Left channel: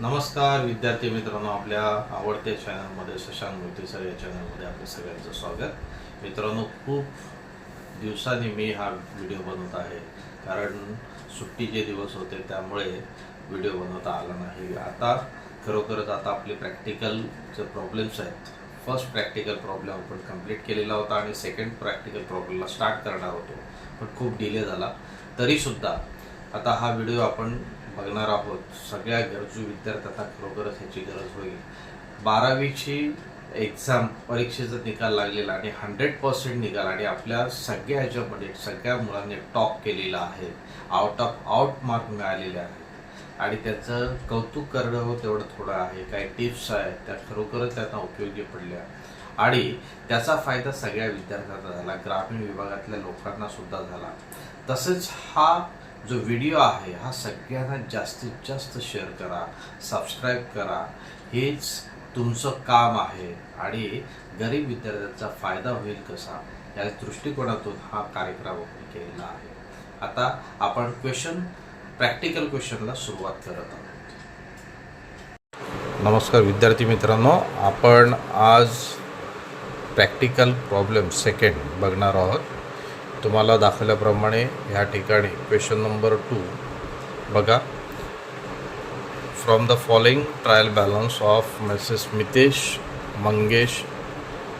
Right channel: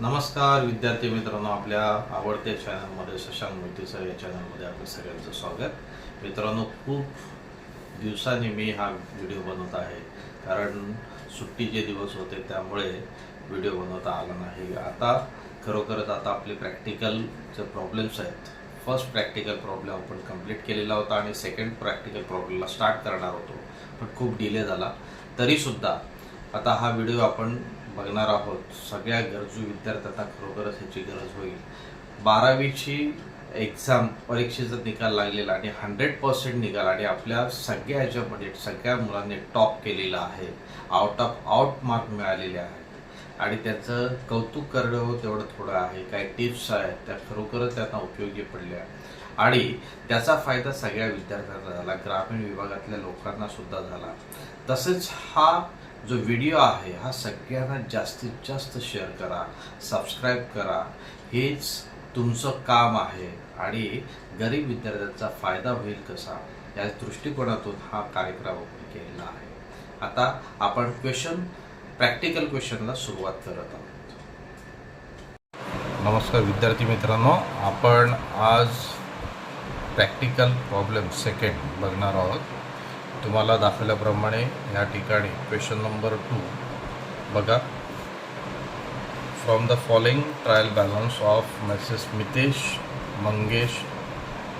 नमस्कार विद्यार्थी मित्रांनो, आपल्या आवडत्या चॅनलमध्ये शशांक मोती सर या चॅनलमध्ये आपलं सगळ्यांचं स्वागत. मित्रांनो, खूप दिवसांनी मी हा व्हिडिओ बनवत आहे, कारण सुट्टीचे दिवस होते त्यामुळे व्हिडिओ बनवता आला नाही. आता खरोखरच आपले प्रॅक्टिकलचे प्रॉब्लेम्स आहेत. फर्स्ट प्रॅक्टिकल प्रॉब्लेम आपण कंप्लीट केलेला होता आणि सेकंड प्रॅक्टिकल प्रॉब्लेमला स्टार्ट करणार होतो, पण खूप डिले झाला. तरीसुद्धा आता हा व्हिडिओ आपण बघणार आहोत. सगळ्या गरजू विद्यार्थ्यांना खरोखरच ह्याची गरज होईल. 12वीची एक्झाम परीक्षेचा निकाल लागलेला आणि 100% निकाल आणि आपल्या सगळ्या ह्याच्यामध्ये सगळ्या मुलांनी टॉप केलेला आहे. आउट ऑफ आउट मार्क मिळालेले आहेत आणि त्याचं कौतुक करणं तेवढं थोडं आहे. काही टिप्स आहेत त्या खरोखरच त्यांना उपयोगी पडल्या आणि त्याचा फायदा सगळ्या विद्यार्थ्यांना झाला, ग्रामीण विभागातल्या लोकांना सुद्धा झाला. तसंच हा जो व्हिडिओ आहे हा सगळ्यांना जास्तीत जास्त शेअर करा, सबस्क्राईब करा. हेच तुमचं काम आहे आणि गरीब विद्यार्थ्यांचा फायदा होईल कसा या दृष्टिकोनातून हा कार्यक्रम आपण केलेला आहे. आता आपण प्रॅक्टिकल क्वेश्चनला सुरुवात करत आहोत. नमस्कार विद्यार्थी मित्रांनो, आपण आज प्रॅक्टिकल प्रॉब्लेम सेकंड बघणार आहोत. तुम्हाला दाखवल्याप्रमाणे ह्या ठिकाणी क्वेश्चन नंबर 2 बघा. From the following trial balance of Mrs Mitesh Mangesh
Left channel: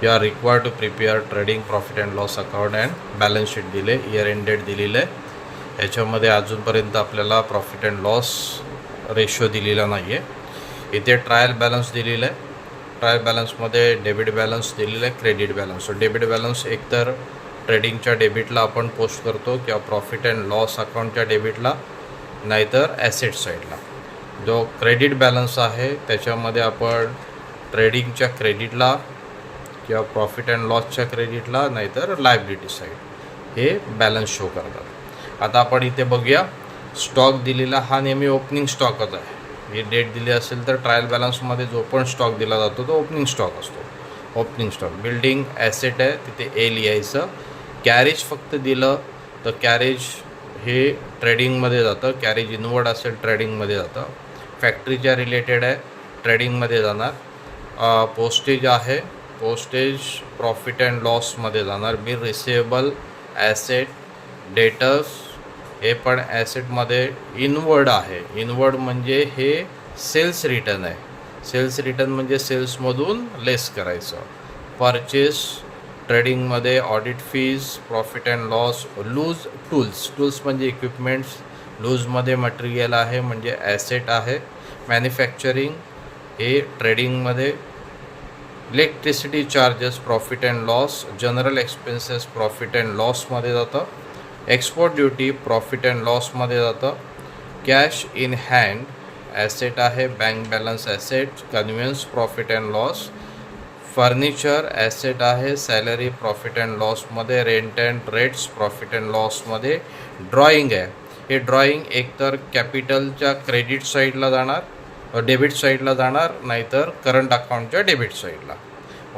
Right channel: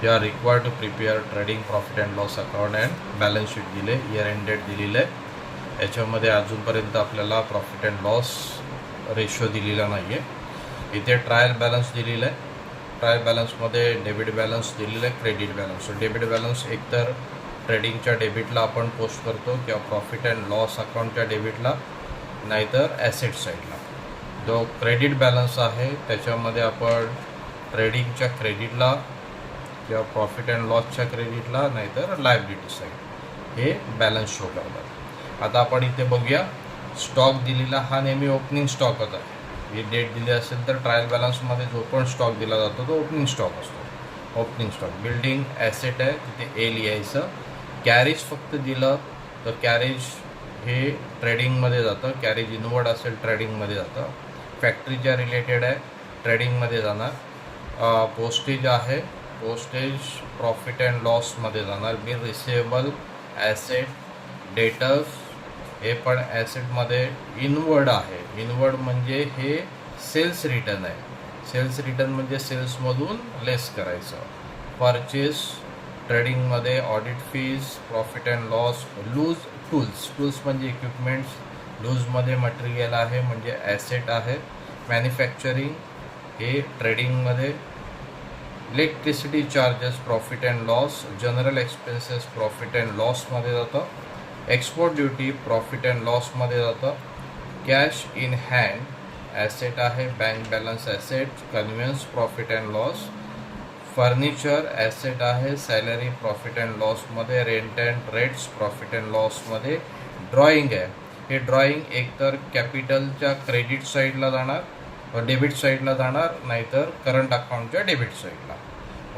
you're required to prepare trading profit and loss account and balance sheet दिले, इयर एंड डेट दिलेलं आहे. याच्यामध्ये अजूनपर्यंत आपल्याला प्रॉफिट अँड लॉस रेशो दिलेला नाही आहे. इथे ट्रायल बॅलन्स दिलेलं आहे. ट्रायल बॅलन्समध्ये डेबिट बॅलन्स दिलेलं आहे, credit balance. So debit balance एकतर ट्रेडिंगच्या डेबिटला आपण पोस्ट करतो किंवा प्रॉफिट अँड लॉस अकाउंटच्या डेबिटला, नाहीतर ॲसेट साईडला. जो क्रेडिट बॅलन्स आहे त्याच्यामध्ये आपण ट्रेडिंगच्या क्रेडिटला किंवा प्रॉफिट अँड लॉसच्या क्रेडिटला, नाहीतर लायबिलिटी साईड हे बॅलन्स शो करतात. आता आपण इथे बघूया. स्टॉक दिलेला हा नेहमी ओपनिंग स्टॉकच आहे. ही डेट दिली असेल तर ट्रायल बॅलन्समध्ये जो पण स्टॉक दिला जातो तो ओपनिंग स्टॉक असतो. ओपनिंग स्टॉक बिल्डिंग ॲसेट आहे, तिथे ए लिहायचं. कॅरेज फक्त दिलं तर कॅरेज हे ट्रेडिंगमध्ये जातं. कॅरेज इनवर्ड असेल ट्रेडिंगमध्ये जातं. फॅक्टरीच्या रिलेटेड आहे, ट्रेडिंगमध्ये जाणार. पोस्टेज आहे, पोस्टेज प्रॉफिट अँड लॉसमध्ये जाणार. बिल रिसिवेबल ॲसेट, डेटर्स हे पण ॲसेटमध्ये इनवर्ड आहे. इनवर्ड म्हणजे हे सेल्स रिटर्न आहे. सेल्स रिटर्न म्हणजे सेल्समधून लेस करायचं. परचेस ट्रेडिंगमध्ये audit fees, profit and loss. Loose tools म्हणजे इक्विपमेंट्स, लूजमध्ये मटेरियल आहे म्हणजे ॲसेट आहे. मॅन्युफॅक्चरिंग हे ट्रेडिंगमध्ये. Electricity charges profit and loss. General expenses profit and लॉसमध्ये जातं. एक्सपोर्ट ड्युटी प्रॉफिट अँड लॉसमध्ये जातं. कॅश इन हँड ॲसेट आहे, bank balance asset. Conveyance profit and loss. Furniture asset आहे, सॅलरी प्रॉफिट अँड लॉसमध्ये. Rent and rates profit and लॉसमध्ये. Drawing आहे, हे ड्रॉईंग एकतर कॅपिटलच्या क्रेडिट साईडला जाणार, डेबिट साईडला जाणार, नाहीतर करंट अकाउंटच्या डेबिट साईडला.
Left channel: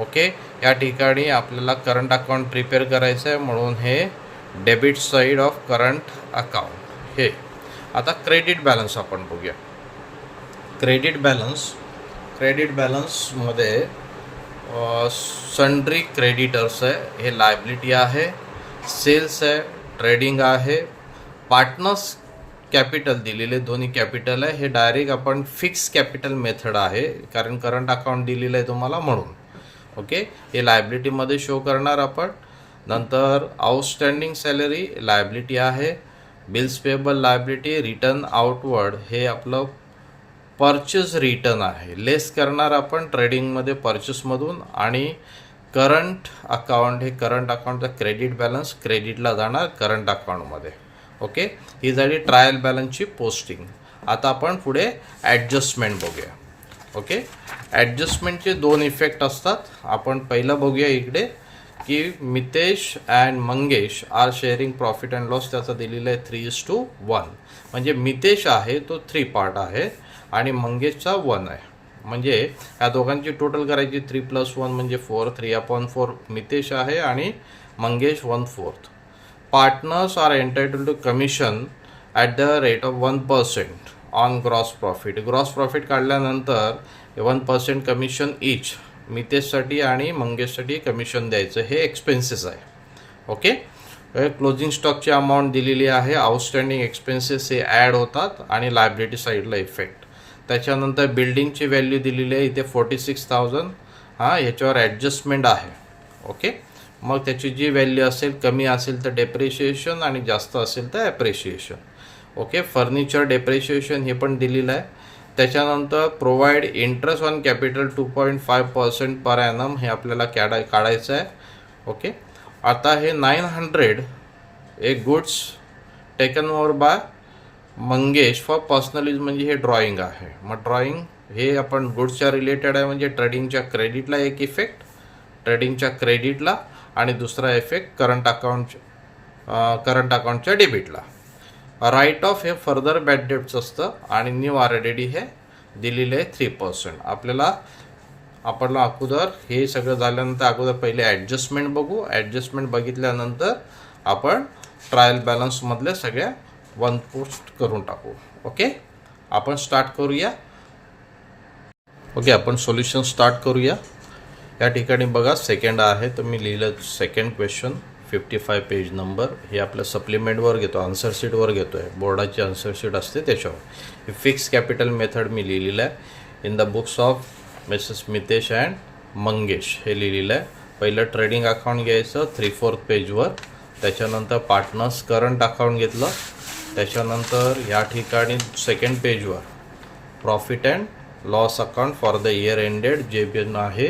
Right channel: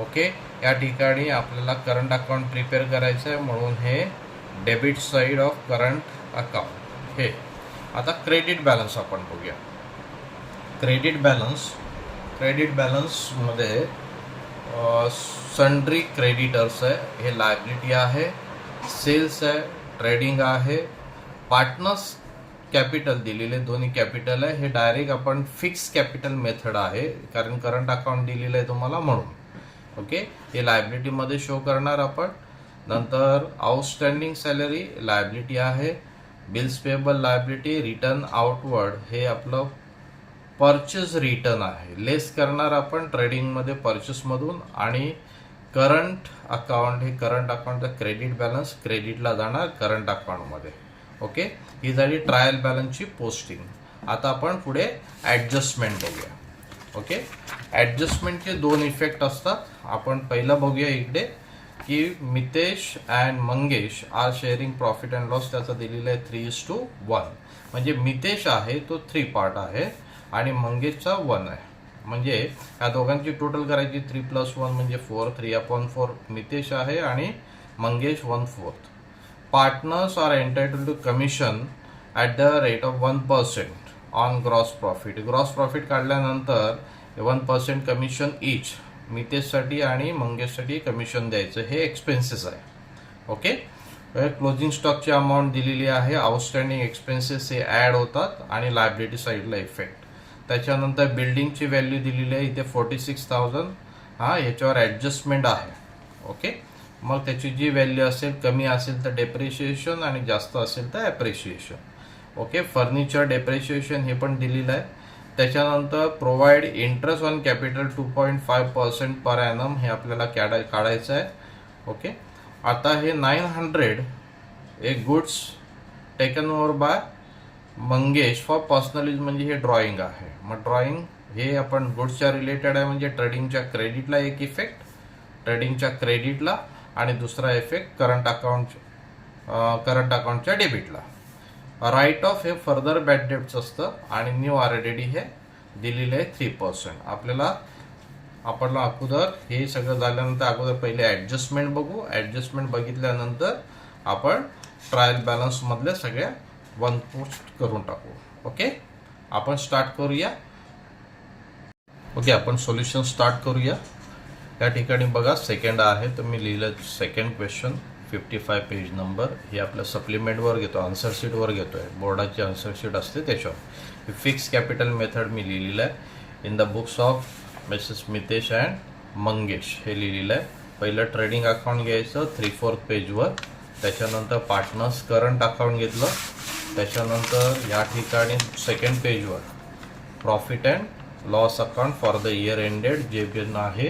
ओके, या ठिकाणी आपल्याला करंट अकाउंट प्रिपेअर करायचं आहे म्हणून हे debit side of current account हे. आता क्रेडिट बॅलन्स आपण बघूया. क्रेडिट बॅलन्समध्ये सन्ड्री क्रेडिटर्स आहे, हे लायबिलिटी आहे. सेल्स आहे, ट्रेडिंग आहे. पार्टनर्स कॅपिटल दिलेले, दोन्ही कॅपिटल आहे. हे डायरेक्ट आपण फिक्स कॅपिटल मेथड आहे, कारण करंट अकाउंट दिलेलं आहे तुम्हाला म्हणून. ओके, हे लायबिलिटीमध्ये शो करणार आपण. नंतर आउटस्टँडिंग सॅलरी लायबिलिटी आहे. Bills payable liability. Return outward हे आपलं परचेस रिटर्न आहे, लेस करणार आपण ट्रेडिंगमध्ये परचेसमधून. आणि करंट अकाउंट हे करंट अकाउंटचा क्रेडिट बॅलन्स क्रेडिटला जाणार करंट अकाउंटमध्ये. ओके, ही झाली ट्रायल बॅलन्सची पोस्टिंग. आता आपण पुढे ॲडजस्टमेंट बघूया. ओके, ॲडजस्टमेंटचे 2 इफेक्ट असतात. आपण पहिलं बघूया इकडे की Mitesh and Mangesh are sharing profit and loss. त्याचं दिलेलं आहे 3:1. म्हणजे मितेश आहे तो 3 पार्ट आहे आणि मंगेशचा 1 आहे. म्हणजे या दोघांची टोटल करायची 3 + 1 म्हणजे 4. 3/4 मितेश आहे आणि Mangesh 1/4. Partners are entitled to commission at the rate of 1%. On gross profit काढल्यानंतर 1% कमिशन इच मितेशसाठी आणि मंगेशसाठी कमिशन द्यायचं, हे एक्सपेन्सेस आहे. ओके, क्लोजिंग स्टॉकची अमाऊंट दिलेली आहे. आउटस्टँडिंग एक्सपेन्सेस हे ॲड होतात आणि लायबिलिटी साईडला इफेक्ट. त्याच्यानंतर बिल्डिंगची व्हॅल्यू दिलेली आहे इथे 46,000. याच्यावर ॲडजस्टमेंट आहे. ओके, मग त्याची जी व्हॅल्यू असेल, कमी असेल तर डेप्रिशिएशन आणि जास्त असेल तर ॲप्रिशिएशन. ओके, फर्निचर डेप्रिशिएशन हे पण दिलेलं आहे. त्याच्यानंतर provide interest on capital 2.5% per annum हे आपल्याला काढायचं आहे. ओके, आता हे 900 एक goods taken over by Mangesh for personal use, म्हणजे हे ड्रॉइंग आहे. मग ड्रॉइंग हे आपण गुड्सच्या रिलेटेड आहे, म्हणजे ट्रेडिंगच्या क्रेडिटला एक इफेक्ट, ट्रेडिंगच्या क्रेडिटला, आणि दुसरा इफेक्ट करंट अकाउंटच्या डेबिटला. राईट ऑफ हे फर्दर बॅड डेट्स असतं आणि न्यू RDD हे दिलेले आहे 3%. आपण अगोदर हे सगळं झाल्यानंतर अगोदर पहिले ॲडजस्टमेंट बघू. ॲडजस्टमेंट बघितल्यानंतर आपण ट्रायल बॅलन्समधल्या सगळ्या वन पोस्ट करून टाकू. ओके, आपण स्टार्ट करूया. ओके, आपण सोल्युशन स्टार्ट करूया. या ठिकाणी बघा सेकंड आहे, तर मी लिहिलं सेकंड क्वेश्चन 55 पेज नंबर. हे आपल्या सप्लिमेंटवर घेतो, आन्सर शीटवर घेतो आहे, बोर्डाची आन्सर शीट असते त्याच्यावर. फिक्स कॅपिटल मेथड मी लिहिलेलं आहे in the books of Mrs Mitesh and Mangesh हे लिहिलेलं आहे. पहिलं ट्रेडिंग अकाउंट घ्यायचं 3/4 पेजवर. त्याच्यानंतर पार्टनर्स करंट अकाउंट घेतलं. त्याच्यानंतर या ठिकाणी सेकंड पेजवर profit and loss account for the year ended जे पण आहे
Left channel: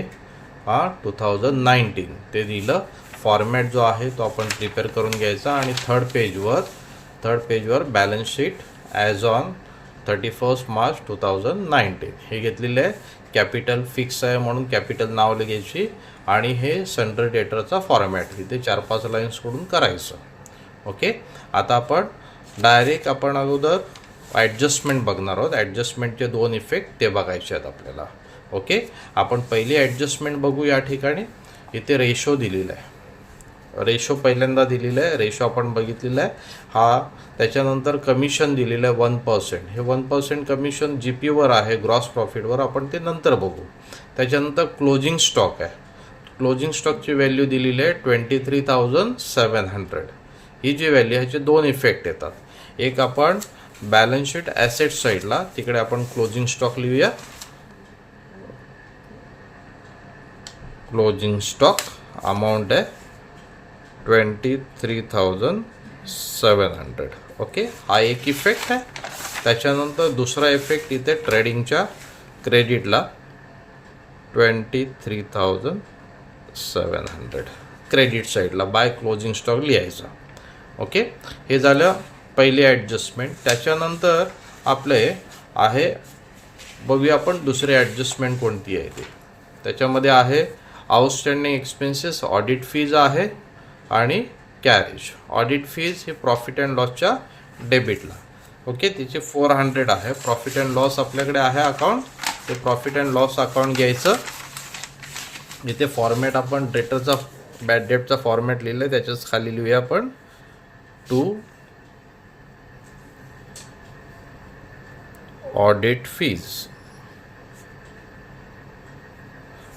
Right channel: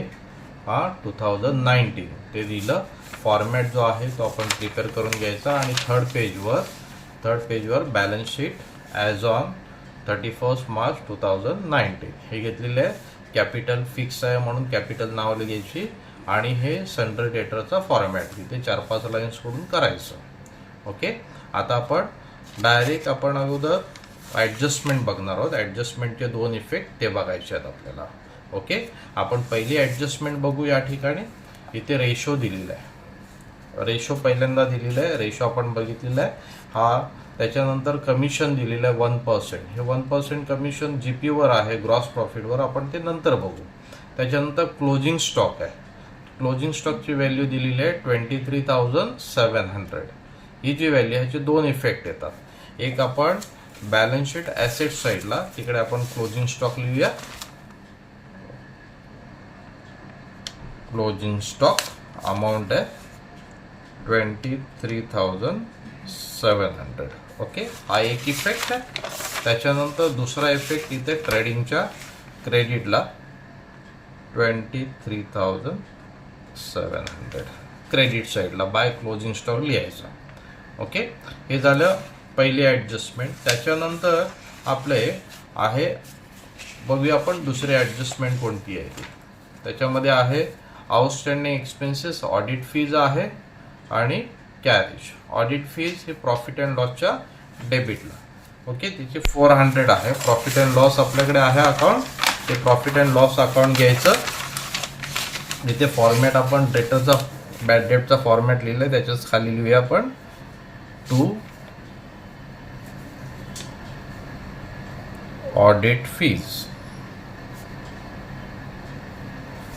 2019 ते दिलं. फॉर्मॅट जो आहे तो आपण प्रिपेअर करून घ्यायचा. आणि थर्ड पेजवर balance sheet as on 31 March 2019 हे घेतलेलं आहे. कॅपिटल फिक्स आहे म्हणून कॅपिटल नाव लिहायची आणि हे सन्ड्री डेटरचा फॉर्मॅट इथे 4-5 लाईन्स कडून करायचं. ओके, आता आपण अगोदर ॲडजस्टमेंट बघणार आहोत. ॲडजस्टमेंटचे 2 इफेक्ट ते बघायचे आहेत आपल्याला. ओके, आपण पहिली ॲडजस्टमेंट बघू. या ठिकाणी इथे रेशो दिलेला आहे. रेशो पहिल्यांदा दिलेला आहे, रेशो आपण बघितलेला आहे. त्याच्यानंतर कमिशन दिलेलं आहे 1%. हे 1% कमिशन GPवर आहे, ग्रॉस प्रॉफिटवर, आपण ते नंतर बघू. त्याच्यानंतर क्लोजिंग स्टॉक आहे. क्लोजिंग स्टॉकची व्हॅल्यू दिलेली आहे 23,700. ही जी व्हॅल्यू ह्याचे 2 इफेक्ट येतात. एक आपण बॅलन्स शीट ॲसेट साईडला तिकडे आपण क्लोजिंग स्टॉक लिहूया. क्लोजिंग स्टॉक अमाऊंट आहे 23,700. ओके, हा एक इफेक्ट आहे. त्याच्यानंतर दुसरा इफेक्ट इथे ट्रेडिंगच्या क्रेडिटला 23,700 क्रेडिट साईडला बाय क्लोजिंग स्टॉक लिहायचा. ओके, हे झालं पहिली ॲडजस्टमेंट. त्याच्यानंतर आपले आहे, बघूया आपण दुसरी ॲडजस्टमेंट कोणती आहे ती. त्याच्यामध्ये आहे आउटस्टँडिंग एक्सपेन्सेस, ऑडिट फीज आहे आणि कॅरेज. ऑडिट फीज हे प्रॉफिट अँड लॉसच्या डेबिटला. ओके, तिचे 400 आहे. प्रॉफिट अँड लॉस आपल्याकडे आहे अकाउंट, ते प्रॉफिट अँड लॉस अकाउंट घ्यायचं. इथे फॉर्मॅट आपण डेटरचा बॅड डेटचा फॉर्मॅट लिहिलं आहे, त्याच्याच खाली लिहूया आपण टू ऑडिट फीज.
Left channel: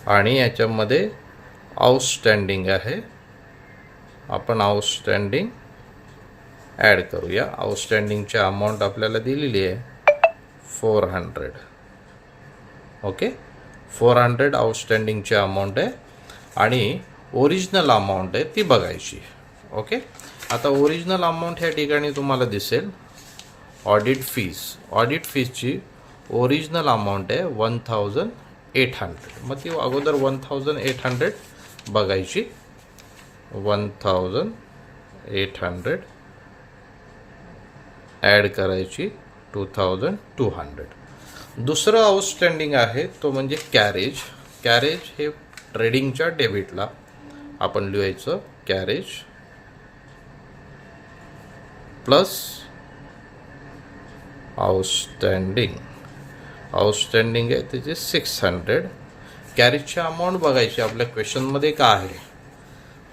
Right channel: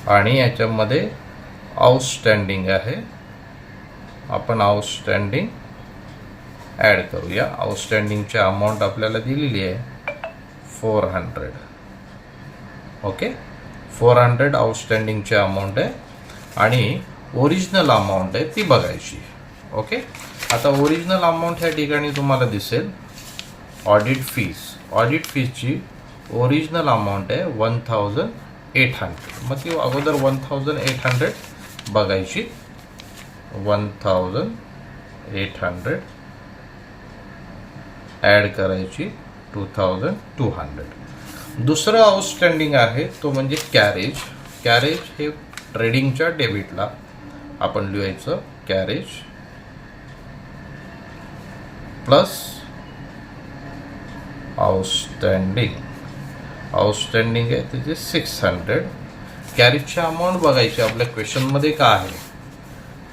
आणि याच्यामध्ये आउटस्टँडिंग आहे, आपण आउटस्टँडिंग ॲड करूया. आउटस्टँडिंगची अमाऊंट आपल्याला दिलेली आहे 400. ओके, 400 आउटस्टँडिंगची अमाऊंट आहे आणि ओरिजिनल अमाऊंट आहे ती बघायची. ओके, आता ओरिजिनल अमाऊंट ह्या ठिकाणी तुम्हाला दिसेल ऑडिट फीजची ओरिजिनल अमाऊंट आहे 1,800. मग ती अगोदर 1,800 बघायची. 1,800 ॲड करायची 2,200. दुसरं आउटस्टँडिंग आहे तो म्हणजे कॅरेज. कॅरेज हे ट्रेडिंगच्या डेबिटला आपण लिहायचं. कॅरेज प्लस आउटस्टँडिंग आहे त्याचे 600. कॅरेजची अमाऊंट बघायची आपल्या क्वेश्चनमध्ये काय आहे,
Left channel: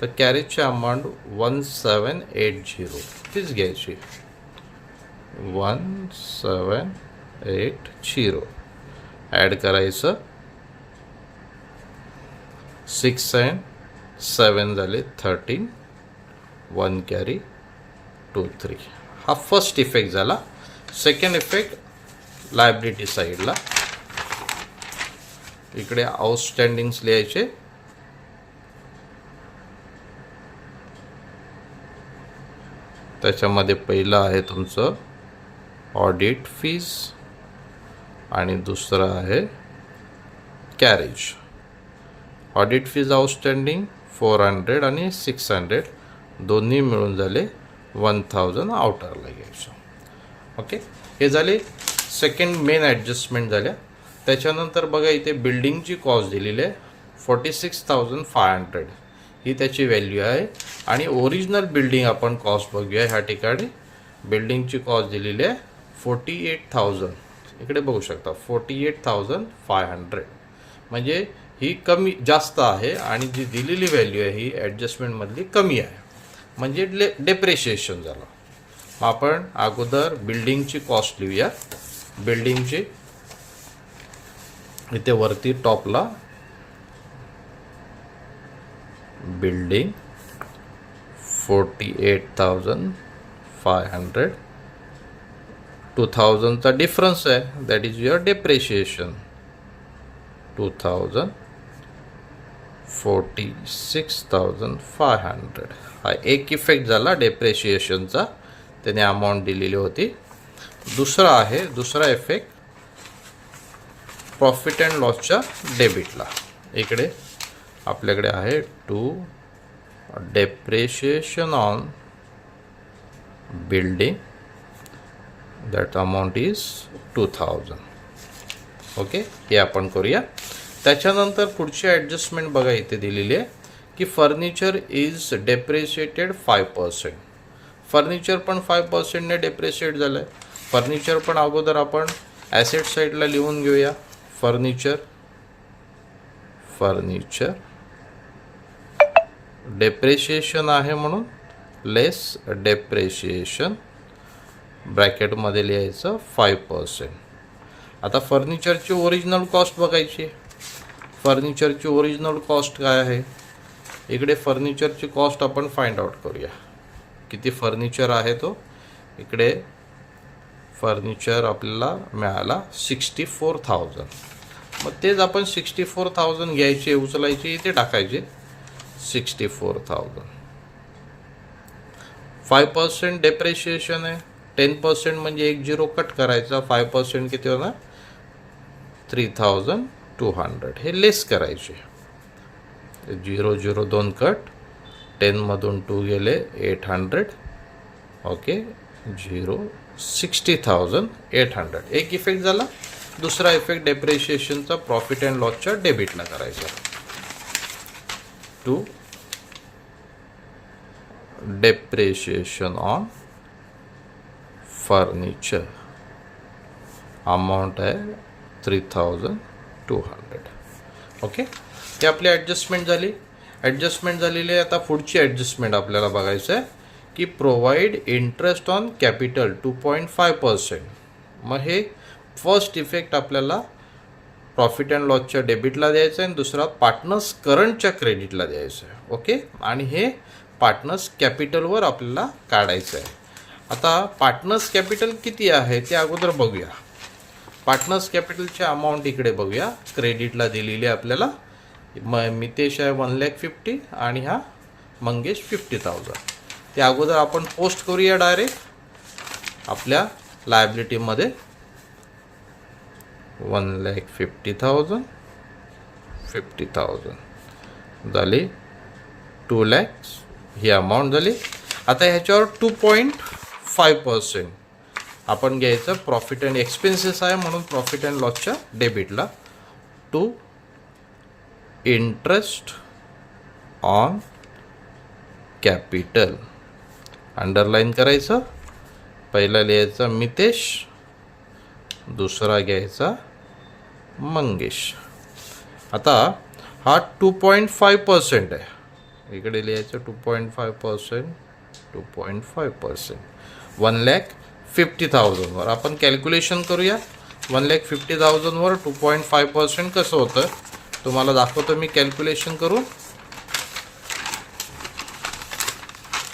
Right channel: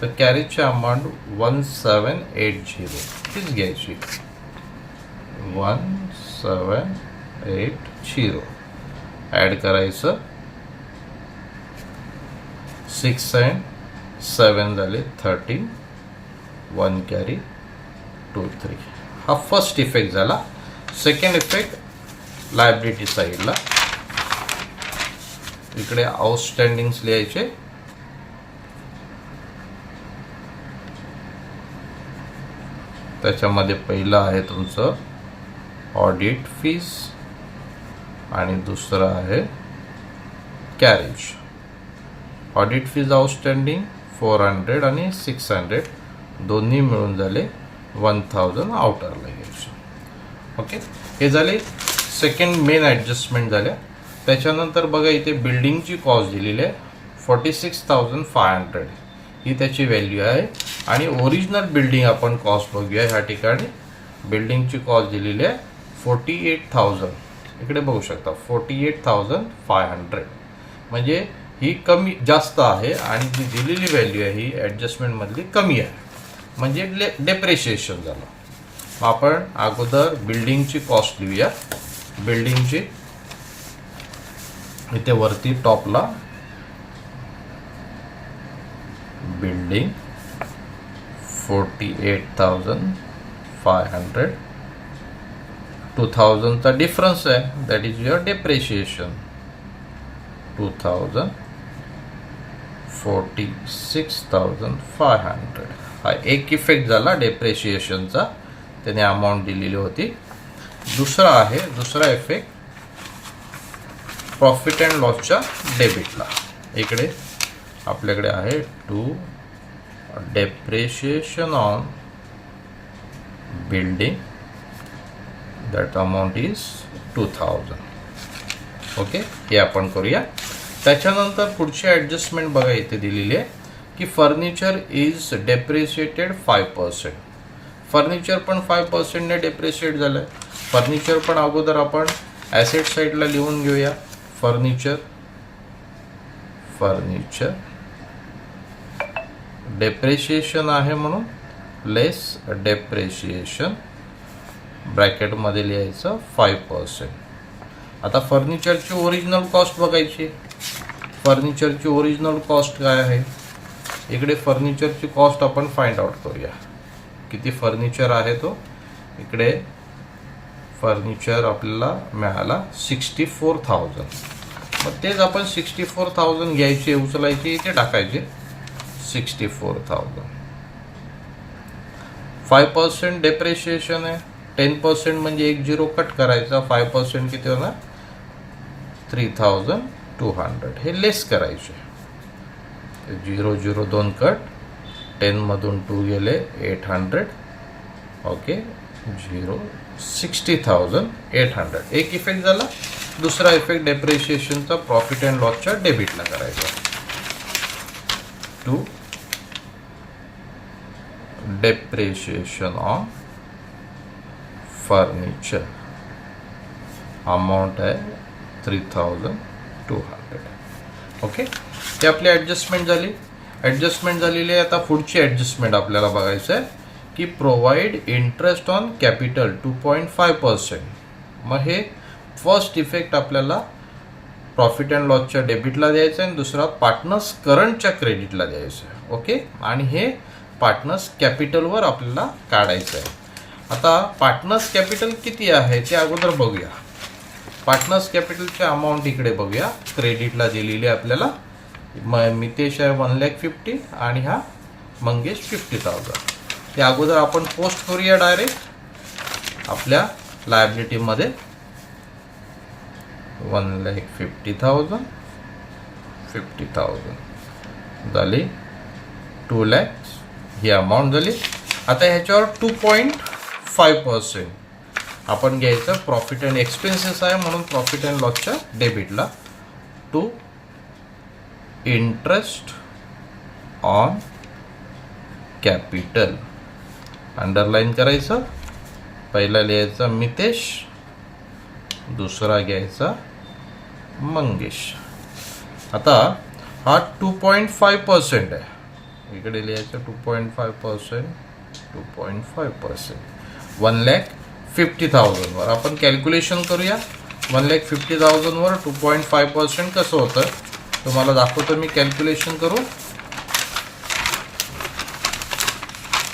तर कॅरेजची अमाऊंट 1780 हीच घ्यायची. 1780 80 ॲड करायचं. 6 and 7 झाले 13. 1 कॅरी 2 3. हा फर्स्ट इफेक्ट झाला. सेकंड इफेक्ट लायबिलिटी साईडला इकडे आउटस्टँडिंग्स लिहायचे. त्याच्यामध्ये पहिलं आहे तुमचं ऑडिट फीस आणि दुसरं आहे कॅरेज. ऑडिट फीज आउटस्टँडिंग 400 आणि 600 दोन्ही मिळून झाले 1000 आउटरला घ्यायचं. ओके, हे झाले सेकंड मेन ॲडजस्टमेंट झाल्या. त्याच्यानंतर बघा इथे बिल्डिंगची कॉस्ट दिलेली आहे 46,500 ही त्याची व्हॅल्यू आहे. आणि ओरिजिनल बिल्डिंग आपण कॉस्ट बघूया. ह्या ठिकाणी बिल्डिंगची कॉस्ट दिलेली आहे 48,000. इकडे बघू शकता 48,500 म्हणजे ही कमी जास्त आहे आणि जी दिलेली व्हॅल्यू आहे ही ॲडजस्टमेंटमधली कमी आहे म्हणजे डेप्रिशिएशन झालं. मग आपण अगोदर बिल्डिंगची कॉस्ट लिहूया. बिल्डिंगची इथे वरती टॉपला बिल्डिंग 48,500. 2000 चा डिफरन्स आहे दॅट इज युअर डेप्रिशिएशन. 2000 46,500 हा एक इफेक्ट झाला डेप्रिशिएशनचा. त्याने अमाऊंट दिलेली होती. दुसरा इफेक्ट प्रॉफिट अँड लॉसच्या डेबिटला. इकडे आपल्याकडे आहे to depreciation on building that amount is 2000. Okay, हे आपण करूया. त्याच्यानंतर पुढची ॲडजस्टमेंट बघा इथे दिलेली आहे की फर्निचर इज डेप्रिशिएटेड 5%. फर्निचर पण 5%ने डेप्रिशिएट झालं आहे. फर्निचर पण अगोदर आपण ॲसेट साईडला लिहून घेऊया. फर्निचर डेप्रिशिएशन आहे म्हणून लेस डेप्रिशिएशन ब्रॅकेटमध्ये लिहायचं 5%. आता फर्निचरची ओरिजिनल कॉस्ट बघायची. फर्निचरची ओरिजिनल कॉस्ट काय आहे. इकडे फर्निचरची कॉस्ट आपण फाइंड आउट करूया. किती फर्निचर आहे तो. इकडे फर्निचर आपल्याला मिळाला 64,000. मग तेच आपण 64,000 घ्यायचे उचलायचे इथे टाकायचे 64,000. 5% डेप्रिशिएशन आहे. 10% म्हणजे एक झिरो कट करायचा. 5% किती होणार 3,200. हे लेस करायचे. 0 0 2 कट. 10 मधून 2 गेले 800. ओके 60,800. एक इफेक्ट झाला. दुसरा इफेक्ट डेप्रिशिएशनचा प्रॉफिट अँड लॉसच्या डेबिटला करायचा. To depreciation on furniture amount आहे 3,200. ओके, ते आपली ॲडजस्टमेंट झाली. ॲडजस्टमेंट झालेली आहे. आता पुढची ॲडजस्टमेंट आपल्याला बघायचं आहे की प्रोव्हाइड इंटरेस्ट ऑन कॅपिटल 2.5%. मग हे फर्स्ट इफेक्ट आपल्याला प्रॉफिट अँड लॉसच्या डेबिटला द्यायचं आहे आणि दुसरा पार्टनर्स करंटच्या क्रेडिटला द्यायचं आहे. ओके, आणि हे पार्टनर्स कॅपिटलवर आपल्याला काढायचं आहे. आता पार्टनर्स कॅपिटल किती आहे ते अगोदर बघूया. पार्टनर्स कॅपिटलचे अमाऊंट इकडे बघूया. क्रेडिटला दिलेली आहे आपल्याला. मितेश आहे 1,50,000 आणि हा मंगेश 50,000. ते अगोदर आपण पोस्ट करूया डायरेक्ट आपल्या लायबिलिटीमध्ये. 1,50,000 50,000 झाली. 2 लाख ही अमाऊंट झाली. आता ह्याच्यावर 2.5% आपण घ्यायचं. प्रॉफिट अँड एक्सपेन्सेस आहे म्हणून प्रॉफिट अँड लॉसच्या डेबिटला. To interest on capital underline करायचं. पहिला लिहायचा मितेश, दुसरा घ्यायचा मंगेश. आता हा 2.5% आहे. इकडे लिहायचं 2.5%. 2.5% 1,50,000 वर आपण कॅल्क्युलेशन करूया. 1,50,000 वर 2.5% कसं होतं तुम्हाला दाखवतो मी कॅल्क्युलेशन करू.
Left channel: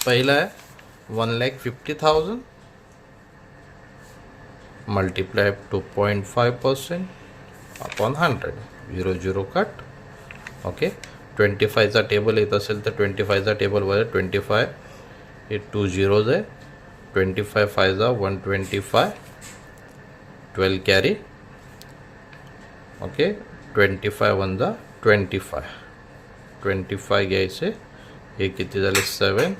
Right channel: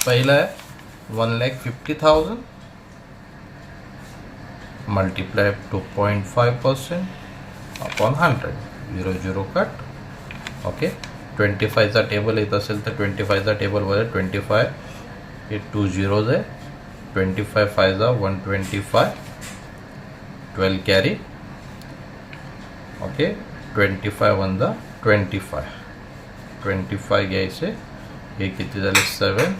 पहिलं आहे 1,50,000 मल्टिप्लाय 2.5% अपॉन 100, 0 कट. ओके, 25चा टेबल येत असेल तर 25चा टेबलवर 25 हे 2 झिरोज आहे. 25 5 125, 12 कॅरी. ओके, 25 1 25, 25 घ्यायचे. हे किती झाले 7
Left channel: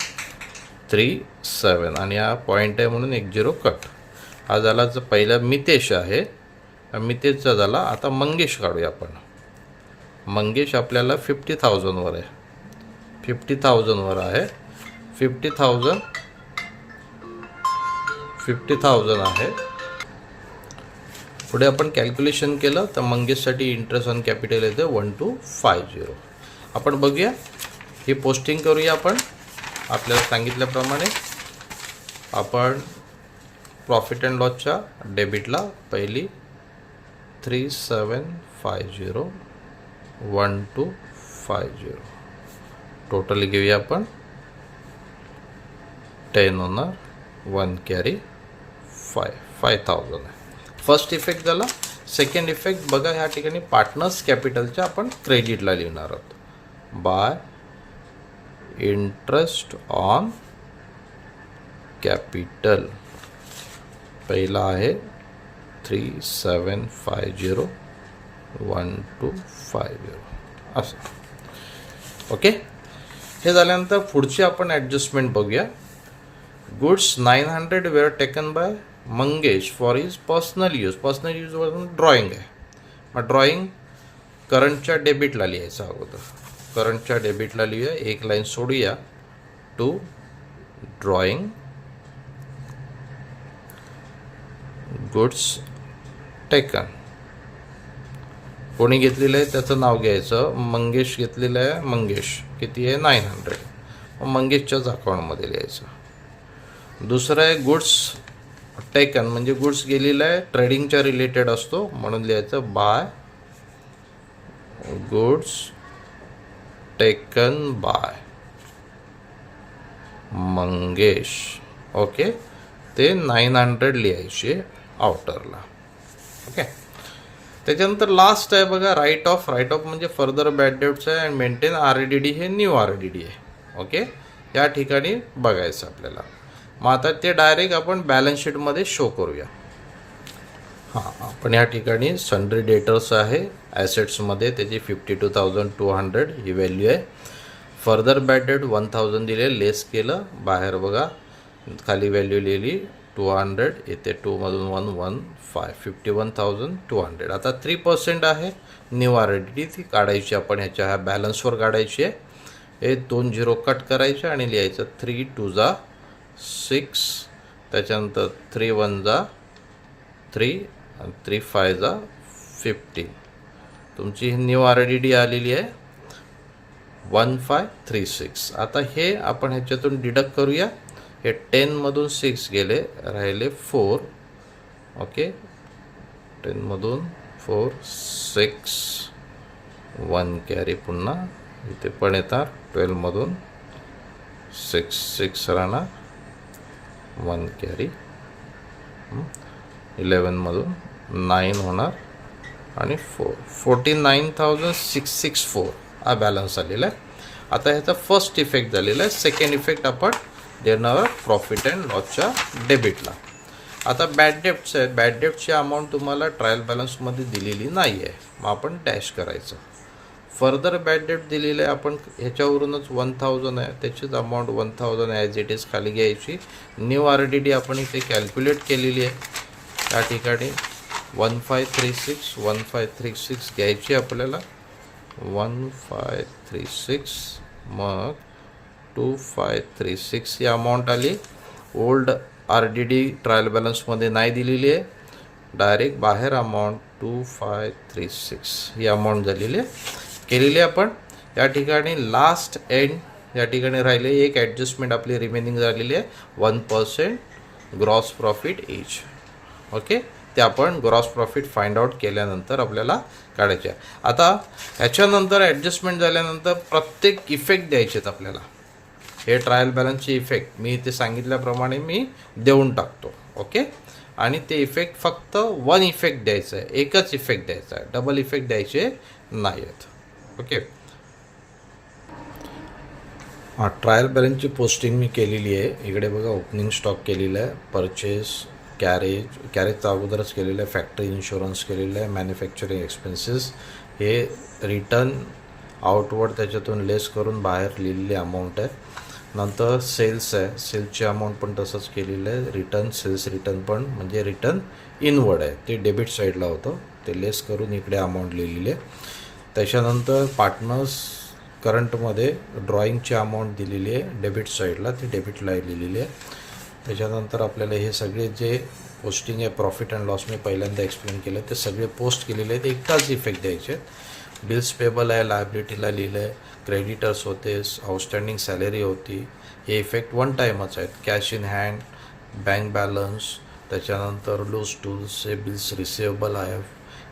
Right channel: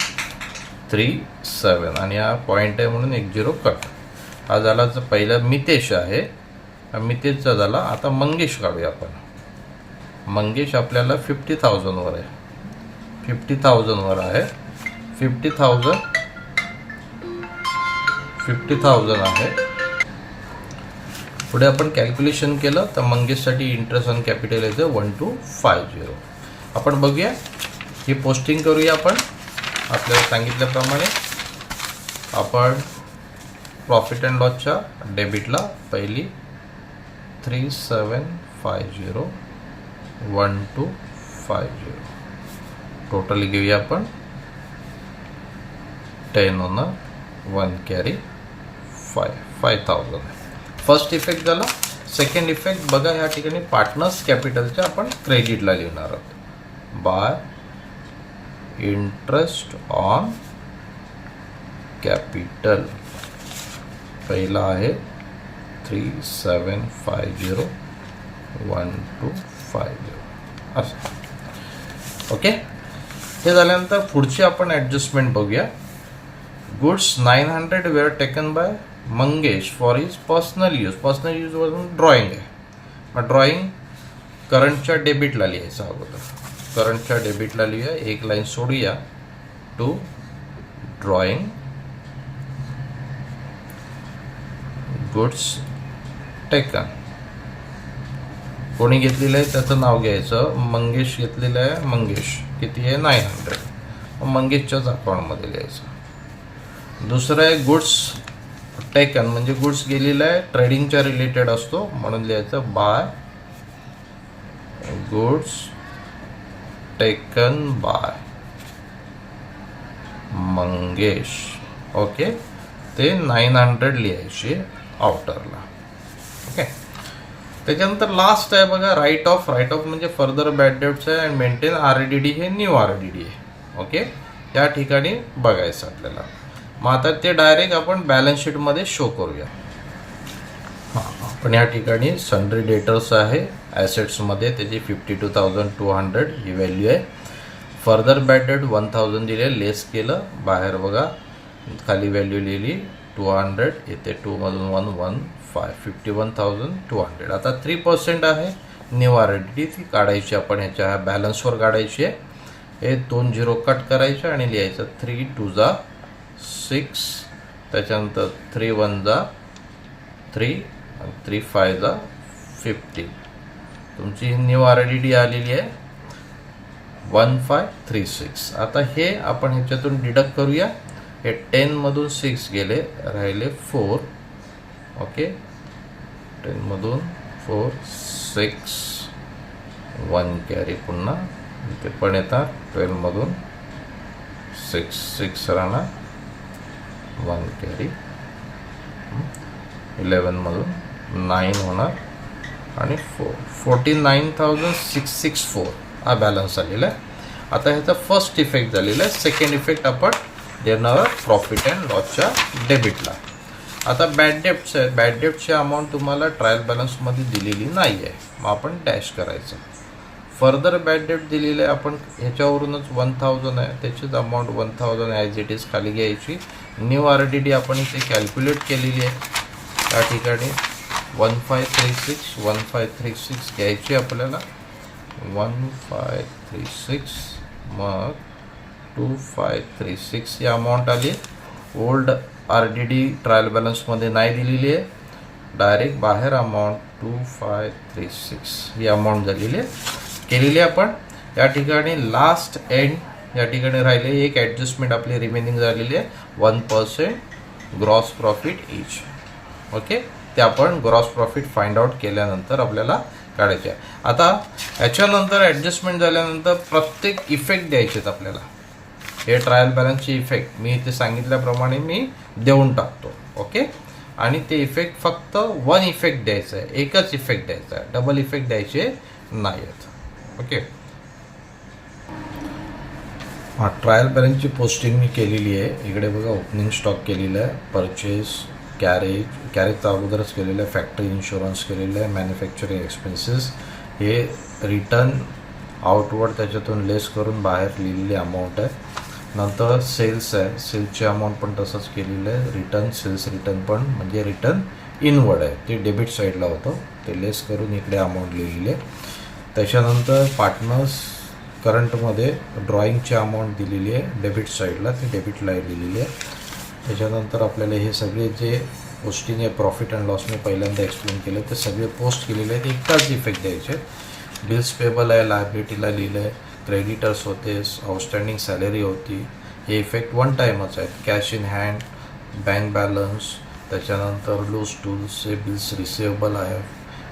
3 7 आणि हा पॉईंट आहे म्हणून 1 0 कट. हा झाला पहिला मितेश आहे. मितेशचा झाला. आता मंगेश काढूया आपण. मंगेश आपल्याला 50,000 वर आहे. 50,000 वर आहे. 50,000 आहे. पुढे आपण कॅल्क्युलेशन केलं तर मंगेशसाठी इंटरेस्ट ऑन कॅपिटल येते 1250. आपण बघूया ही पोस्टिंग करूया. आपण आपल्याला सांगितल्याप्रमाणे आपण प्रॉफिट अँड लॉसच्या डेबिटला पहिली 3750 1250 टोटल घेऊया आपण. 10 होणार, 1 कॅरी, 5,000. फर्स्ट इफेक्ट झाला. सेकंड इफेक्ट बघा, ह्या ठिकाणी पार्टनर्स कॅपिटलच्या आपण क्रेडिटला लिहिणार आहोत. बाय इंटरेस्ट ऑन कॅपिटल पहिला आहे 3750 1250 असं. ओके, हे झाल्यानंतर पुढची आपण ॲडजस्टमेंट बघूया. Goods 900 were taken by Mangesh for his personal use. Personal यूजवरून ड्रॉइंग आहे. मग ड्रॉइंग करंटच्या डेबिटला लिहायचं अगोदर. करंटच्या डेबिटला लिहूया. एक लाईन सोडूया. To drawing goods taken. कोणी घेतलेलं आहे त्याचं नाव घ्यायचं. मंगेश घेतलेलं आहे. मंगेश किती आहे 900. मंगेशच्याच अकाउंटमध्ये लिहायचं. दुसरं आहे गुड्स टेकन, म्हणजे गुड्स गेलेला आहे ट्रेडिंगच्या रिलेटेड असतो म्हणून लिहायचं by goods taken by Mangesh. Okay, ते 900 लिहायचे आउटरला. ओके, त्याच्यानंतर लास्ट आहे बघा राईट ऑफ. राईट ऑफ म्हणजे फर्दर बॅड डेट्स आहे. अँड मेंटेन RDD हे न्यू RDD आहे. ओके, या ठिकाणी बघायचं आपल्याला. मग आता ते डायरेक्ट आपण बॅलन्स शीटमध्ये शो करूया. आपण या ठिकाणी सन्ड्री डेटर्स आहे ॲसेट्समध्ये, त्याची 52,200 ही व्हॅल्यू आहे. फर्दर बॅड डेट 1000 दिले, लेस केलं. बाहेर बघा खाली व्हॅल्यू लिहिली 200, येते 2 मधून 1 15, 51,200. आता 3% आहे न्यू RDD, ती काढायची आपण ह्याच्या बॅलन्सवर काढायची आहे. हे 2 झिरो कट करायचे आणि लिहायचं 3 2 6, त्याच्यानंतर 3 1 3 आणि 3 5 15. तुमची न्यू RDD आलेली आहे 1536. आता हे आपण ह्याच्यातून डिडक्ट करूया. हे 10 मधून 6 गेले, राहिले 4. ओके, 10 मधून 4 6 1 कॅरी. पुन्हा इथे पण येतात 12 मधून 6 6 राहणार, 1 कॅरी. 11 मधून 9 होणार आणि 4 49,664 हा बॅलन्स आलेला आहे. आता ह्याचा फर्स्ट इफेक्ट झालेला आहे. सेकंड इफेक्ट आपण देणार प्रॉफिट अँड लॉसच्या डेबिटला. आता बॅड डेप्ट्स आहेत. बॅड डेप्टची अमाऊंट तुम्हाला ट्रायल बॅलन्समध्ये दिलेली नाही आहे, मग आपण डॅश करायचं. फर्दर बॅड डेप्ट दिलेलं आहे आपण ह्याच्यावरूनच 1000 आहे, त्याचीच अमाऊंट 1000 ॲज इट इज खाली घ्यायची. न्यू RDD आपण इथे कॅल्क्युलेट केलेली आहे. त्या ठिकाणी 1536 घ्यायची आपल्याला. 1536 मग 2536 ही अमाऊंट आली. ओल्ड RDD ट्रायल बॅलन्समध्ये नाही दिलेली आहे, डायरेक्ट बाहेर अमाऊंट 2536 ही अमाऊंट झालेली आहे, केलेली आहे आपण. या ठिकाणी लास्ट एंड या ठिकाणी राहिले एक ॲडजस्टमेंट आपली रिमेनिंग झालेली आहे 1% ग्रॉस प्रॉफिट इच. ओके, ते आपण ग्रॉस प्रॉफिट फाइंड आउट केल्यानंतर आपल्याला काढायचे आहे. आता ह्याच्यानंतर ॲडजस्टमेंट झाल्यानंतर प्रत्येक इफेक्ट द्यायचे आहेत आपल्याला. हे ट्रायल बॅलन्सचे इफेक्ट मी ते सांगितल्याप्रमाणे मी देऊन टाकतो. ओके. आणि ते इफेक्ट फक्त वन इफेक्ट द्यायचं आहे, एकच इफेक्ट द्यायचा आहे, डबल इफेक्ट द्यायचे नाही आहेत. ओके. हा ट्रायल बॅलन्सची पोस्टिंग मी केलेली आहे. इकडे बघा ओपनिंग स्टॉक केलेला आहे, परचेस, कॅरेजचा अगोदरच केलेलं आहे, फॅक्टरी इन्शुरन्स केलेलं आहे, मॅन्युफॅक्चरिंग एक्सपेन्सेस, हे रिटर्न आउटवर्ड त्याच्यातून लेस करून बाहेर लिहिलेली अमाऊंट आहे. नंतर सेल्स आहे, सेल्सची अमाऊंट पण तसंच केलेलं आहे, रिटर्न सेल्स रिटर्न पण म्हणजे रिटर्न इनवर्ड आहे, ते डेबिट साईडला होतं, ते लेस करून इकडे अमाऊंट लिहिलेली आहे. त्याच्यानंतर पार्टनर्स करंटमध्ये ड्रॉइंगची अमाऊंट दिलेली आहे डेबिट साईडला, ती डेबिटला लिहिलेली आहे. त्याच्यानंतर आपल्याला हे सगळे जे पोस्टिंग आहे प्रॉफिट अँड लॉस मी पहिल्यांदा एक्सप्लेन केलं, ते सगळे पोस्ट केलेले आहेत, एकाच इफेक्ट द्यायचे. बिल्स पेबल आहे, लायबिलिटीला लिहिलं आहे, क्रेडिटर्स होते, आउटस्टँडिंग सॅलरी होती, हे इफेक्ट वन टाईमच आहेत. Cash in hand, bank balance, त्याच्यानंतर लूज टूल्स, हे बिल्स रिसिवेबल आहे,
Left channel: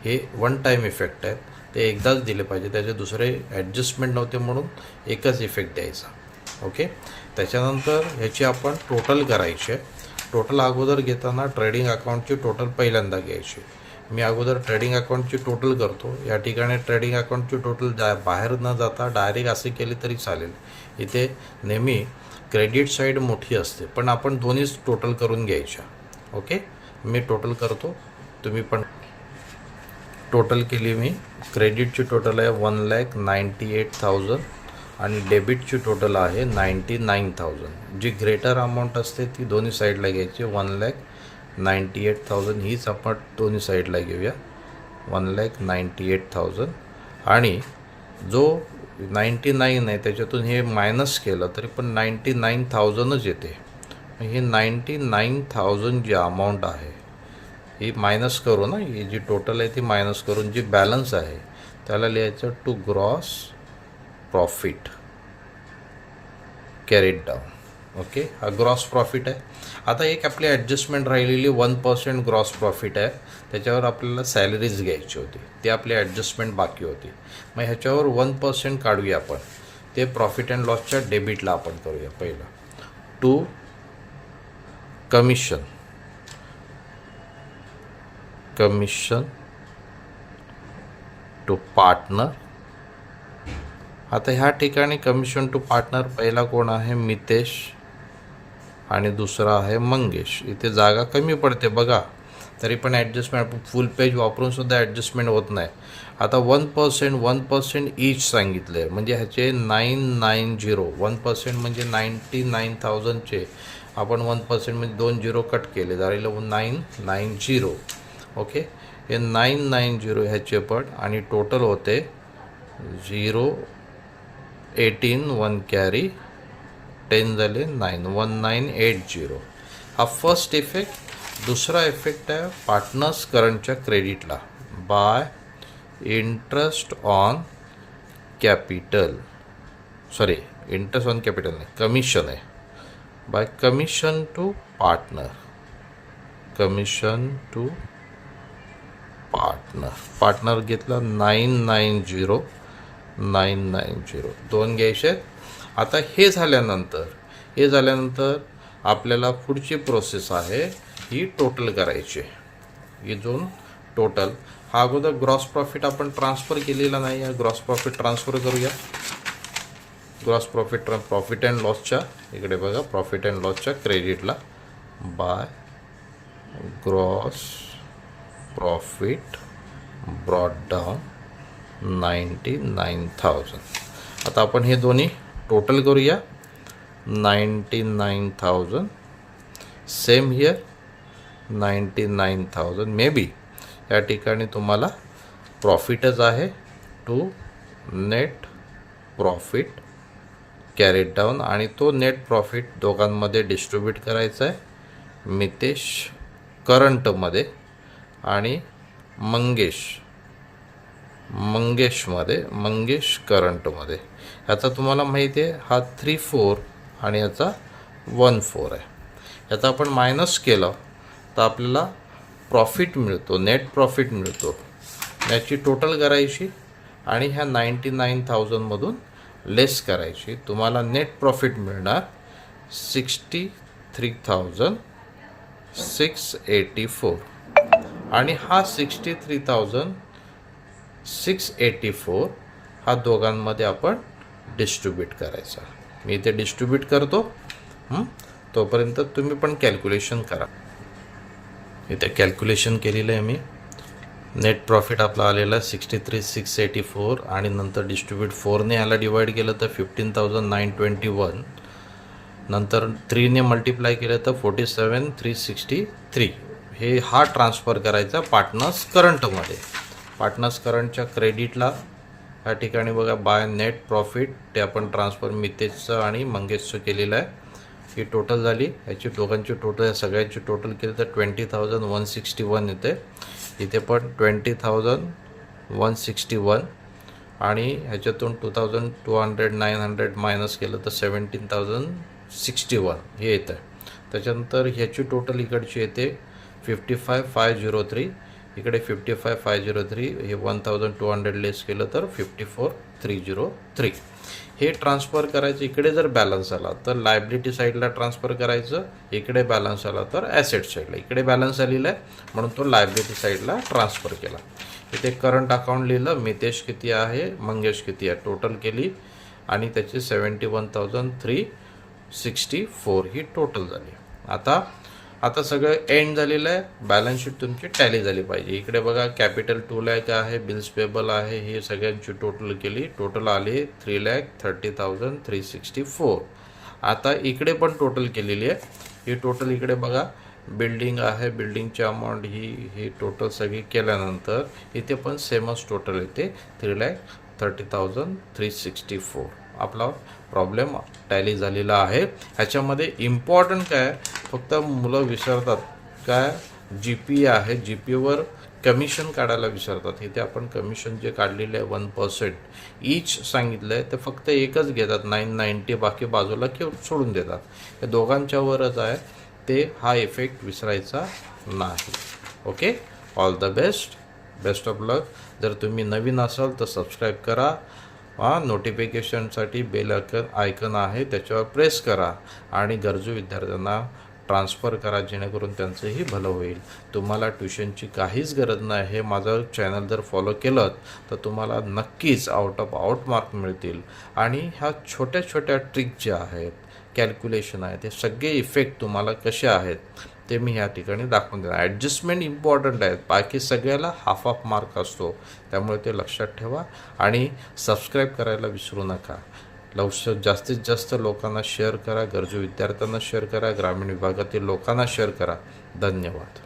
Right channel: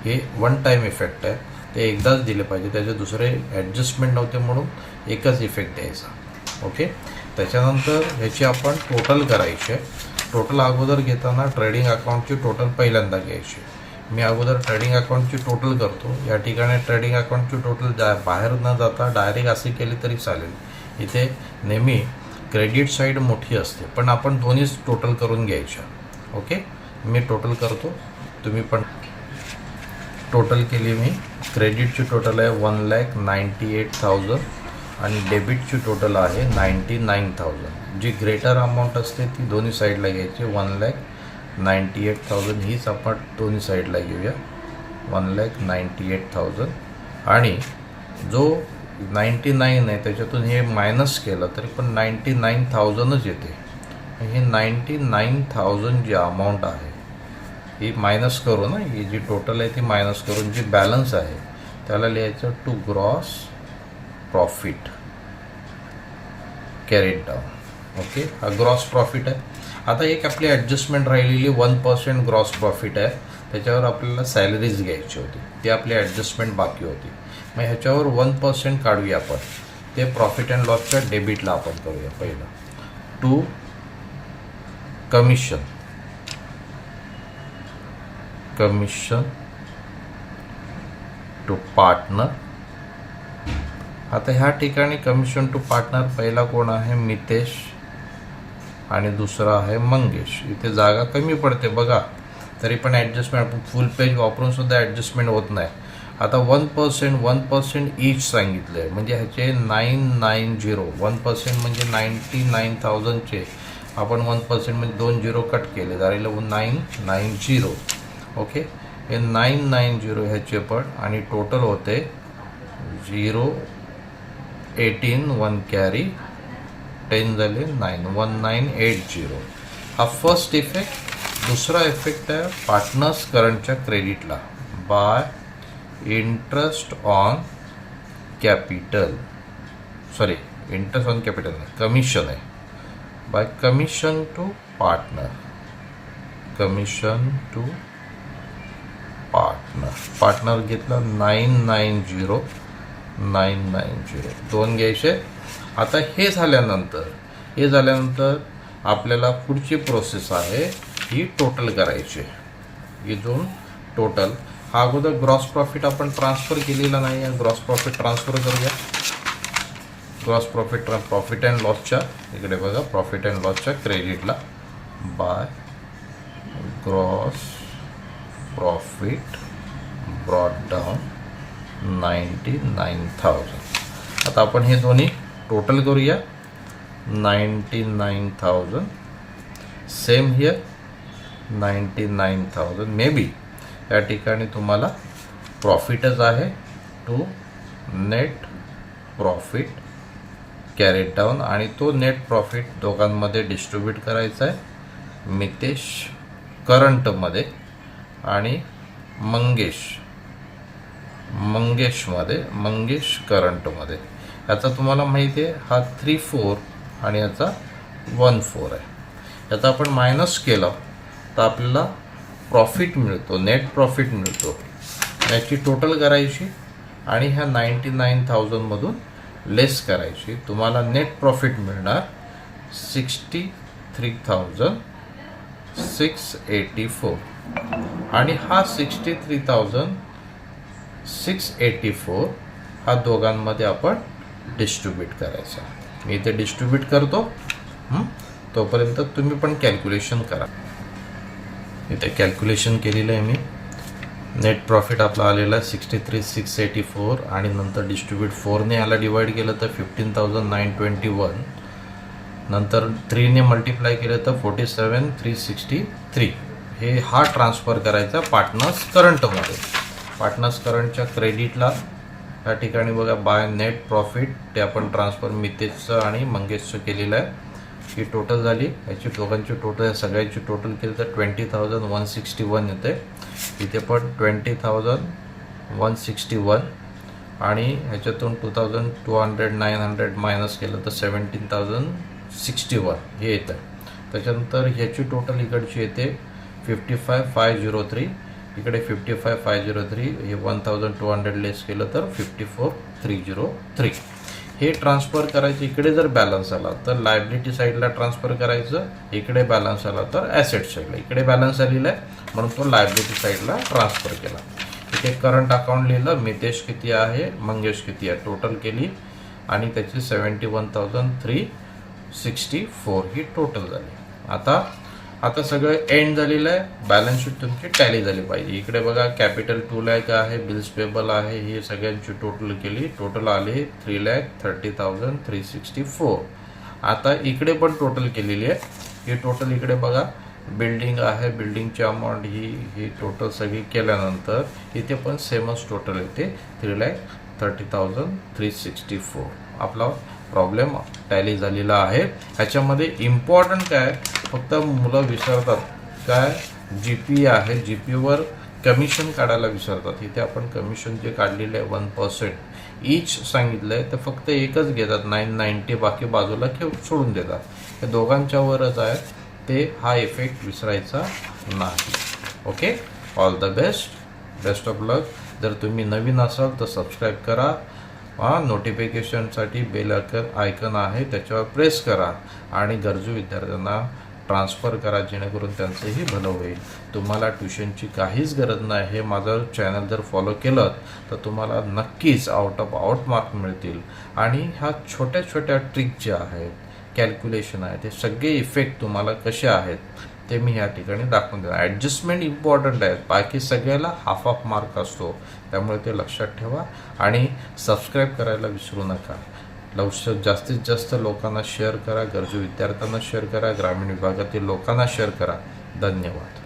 हे वन टाईम इफेक्ट आहे, ते एकदाच दिले पाहिजे, त्याचे दुसरे ॲडजस्टमेंट नव्हते म्हणून एकच इफेक्ट द्यायचा. ओके. त्याच्यानंतर ह्याची आपण टोटल करायची आहे. टोटल अगोदर घेताना ट्रेडिंग अकाउंटची टोटल पहिल्यांदा घ्यायची. मी अगोदर ट्रेडिंग अकाउंटची टोटल करतो. या ठिकाणी ट्रेडिंग अकाउंटची टोटल बाहेर न जाता डायरेक्ट असे केली तरी चालेल. इथे नेहमी क्रेडिट साईड मोठी असते, पण आपण दोन्हीच टोटल करून घ्यायच्या. ओके. मी टोटल करतो, तुम्ही पण टोटल केली. मी क्रेडिटची टोटल आहे 1,98,000 आणि डेबिटची टोटल आहे 99,000. जी ग्रेटर अमाऊंट असते ती दोन्ही साईडला घ्यायची. 1,98,000 हीच आपण दोन्ही साईडला घेऊया, 1,98,000. आणि जो 99 आहे त्याच्यातून हे मायनस केलं तरी पण 99,000च येते. हे 99,000 जी अमाऊंट आहे ही मायनस करू ना, ही जी टोटल आहे ती मायनस करून जी बॅलन्स आहे त्याला लिहायचं to gross profit carried down. Okay. हा ग्रॉस प्रॉफिट आहे. आता एक आपली ॲडजस्टमेंट राहिलेली 1% ग्रॉस प्रॉफिट आहे, त्याच्यावर आपल्याला सॅलरीज घ्यायची होती, ती आपली ॲडजस्टमेंट बाकी होती. मग ह्याच्यावर 1% काढूया आपण, ते प्रॉफिट अँड लॉसच्या डेबिटला आपण करूया. पहिलं टू कमिशन टू पार्टनर. आता ह्या ठिकाणी कमिशन टू पार्टनर पहिला कोण आहे, मितेश, आणि दुसरा आहे मंगेश. इथे जागा कमी पडते बघा, तरी पण ॲडजस्टमेंट फुल पेज वापरून सुद्धा ॲडजस्टमेंट होत नाही. आता 1% ईच सांगितलं आहे, म्हणजे ह्याचे 990. 1% म्हणजे 99,000चे आपण 1% म्हणजे 2 झिरो कट केले, झालेलं 990. ओके. हे 990 ह्याचे पण, आणि टोटल होते 018, 1 कॅरी, 10 झाले 9, 1980. हा फर्स्ट इफेक्ट. दुसरा इफेक्ट आहे पार्टनर्स करंटच्या क्रेडिटला by interest on capital, sorry interest on capital नाही, कमिशन आहे, by commission to partner. Partner घेतला 990 दोन घ्यायचे. आता हे झाल्यानंतर आपल्याला पुढची प्रोसेस आहे ही टोटल करायची. इथून टोटल हा अगोदर ग्रॉस प्रॉफिट आपण ट्रान्सफर केलेला नाही आहे, ग्रॉस प्रॉफिट ट्रान्सफर करूया. ग्रॉस प्रॉफिट अँड लॉसच्या इकडे बघा, प्रॉफिट अँड लॉसच्या क्रेडिटला by gross profit brought down 99,000. आता आपण हे दोन्ही टोटल करूया. 99,000 सेम हिअर 99,000. मे बी या ठिकाणी तुम्हाला प्रॉफिटच आहे to net profit carried down, आणि तो नेट प्रॉफिट दोघांमध्ये डिस्ट्रीब्यूट करायचा आहे. मितेश करंटमध्ये आणि मंगेश करंटमध्ये. याचा तुम्हाला माहिती आहे हा 3-4 आणि याचा 1-4 आहे. याचा आपण मायनस केलं तर आपल्याला प्रॉफिट मिळतो, नेट प्रॉफिट मिळतो, याची टोटल करायची आणि ह्या 99,000मधून लेस करायची. तुम्हाला नेट प्रॉफिट मिळणार 63,684 आणि हा 63,684 हा दोघांमध्ये आपण डिस्ट्रीब्यूट करायचा. मी इथे डिस्ट्रीब्यूट करतो, तोपर्यंत तुम्ही पण कॅल्क्युलेशन करा. इथे कॅल्क्युलेशन केलेलं आहे मी. नेट प्रॉफिट आपला आलेला आहे 63,684 आणि नंतर डिस्ट्रीब्यूट 4ने याला डिवाइड केलं तर 15,921, नंतर 3ने मल्टिप्लाय केलं तर 47,363. हा ट्रान्सफर करायचा पार्टनर्स करंटमध्ये. पार्टनर्स करंटच्या क्रेडिटला या ठिकाणी बघा बाय नेट प्रॉफिट ते आपण ट्रान्सफर मितेशचं आणि मंगेशचं केलेलं आहे. ही टोटल झाली, याची दोघांची टोटल सगळ्यांची टोटल केली तर 20,161 येते. इथे पण 20,161 आणि ह्याच्यातून 2,200 मायनस केलं तर 17,061 हे येतं. त्याच्यानंतर ह्याची टोटल इकडची येते 55,503, इकडे 55,503, हे 1,200 लेस केलं तर 54,303. हे ट्रान्सफर करायचं. इकडे जर बॅलन्स आला तर लायबिलिटी साईडला ट्रान्सफर करायचं, इकडे बॅलन्स आला तर ॲसेट साईडला. इकडे बॅलन्स आलेला आहे म्हणून तो लायबिलिटी साईडला ट्रान्सफर केला. इथे करंट अकाउंट लिहिलं, मितेश किती आहे, मंगेश किती आहे, टोटल केली आणि त्याची 71,364 ही टोटल झाली. आता सगळं एंड झालेलं आहे. बॅलन्स शीट तुमची टॅली झाली पाहिजे. इकडे बघा कॅपिटल 2 लाख आहे, बिल्स पेबल आहे, हे सगळ्यांची टोटल केली. टोटल आली 3,30,364. आता इकडे पण टोटल केलेली आहे. ही टोटल इकडे बघा बिल्डिंग आहे, बिल्डिंगची अमाऊंट ही टोटल सगळी केल्यानंतर इथे पण सेमच टोटल येते 3,30,364. आपला प्रॉब्लेम टॅली झालेला आहे. ह्याच्यामध्ये इम्पॉर्टंट काय, फक्त मुलं विसरतात काय, GP आहे, GPवर कमिशन काढायला विसरतात. इथे आपण कमिशन जे काढलेले आहे 1% ईच सांगितलं आहे, तर फक्त एकच घेतात 990, बाकी बाजूला सोडून देतात. हे दोघांच्यावरच आहे ते, हा इफेक्ट विसरायचा नाही. Okay, all the best of luck. जर तुम्ही नवीन असाल तर सबस्क्राईब करा. नोटिफिकेशनसाठी बेल आयकन आहे त्याच्यावर प्रेस करा आणि गरजू विद्यार्थ्यांना ट्रान्सफर करा, जेणेकरून त्यांचंही भलं होईल. तुम्हाला ट्युशनची काहीच गरज नाही. हे माझं चॅनल जर फॉलो केलं तर तुम्हाला नक्कीच आउट ऑफ आउट मार्क मिळतील. आणि ह्या छोट्या छोट्या ट्रिक ज्या आहेत, कॅल्क्युलेशन आहे, ते सगळे इफेक्ट तुम्हाला कसे आहेत ते मी ह्या ठिकाणी दाखवून देणार. ॲडजस्टमेंट इम्पॉर्टंट आहेत, बाकी सगळ्याला हाफ ऑफ मार्क असतो. त्यामुळे ते लक्षात ठेवा आणि सबस्क्राईब करायला विसरू नका. जास्तीत जास्त लोकांना शेअर करा, गरजू विद्यार्थ्यांना शेअर करा, ग्रामीण विभागातील लोकांना शेअर करा. धन्यवाद.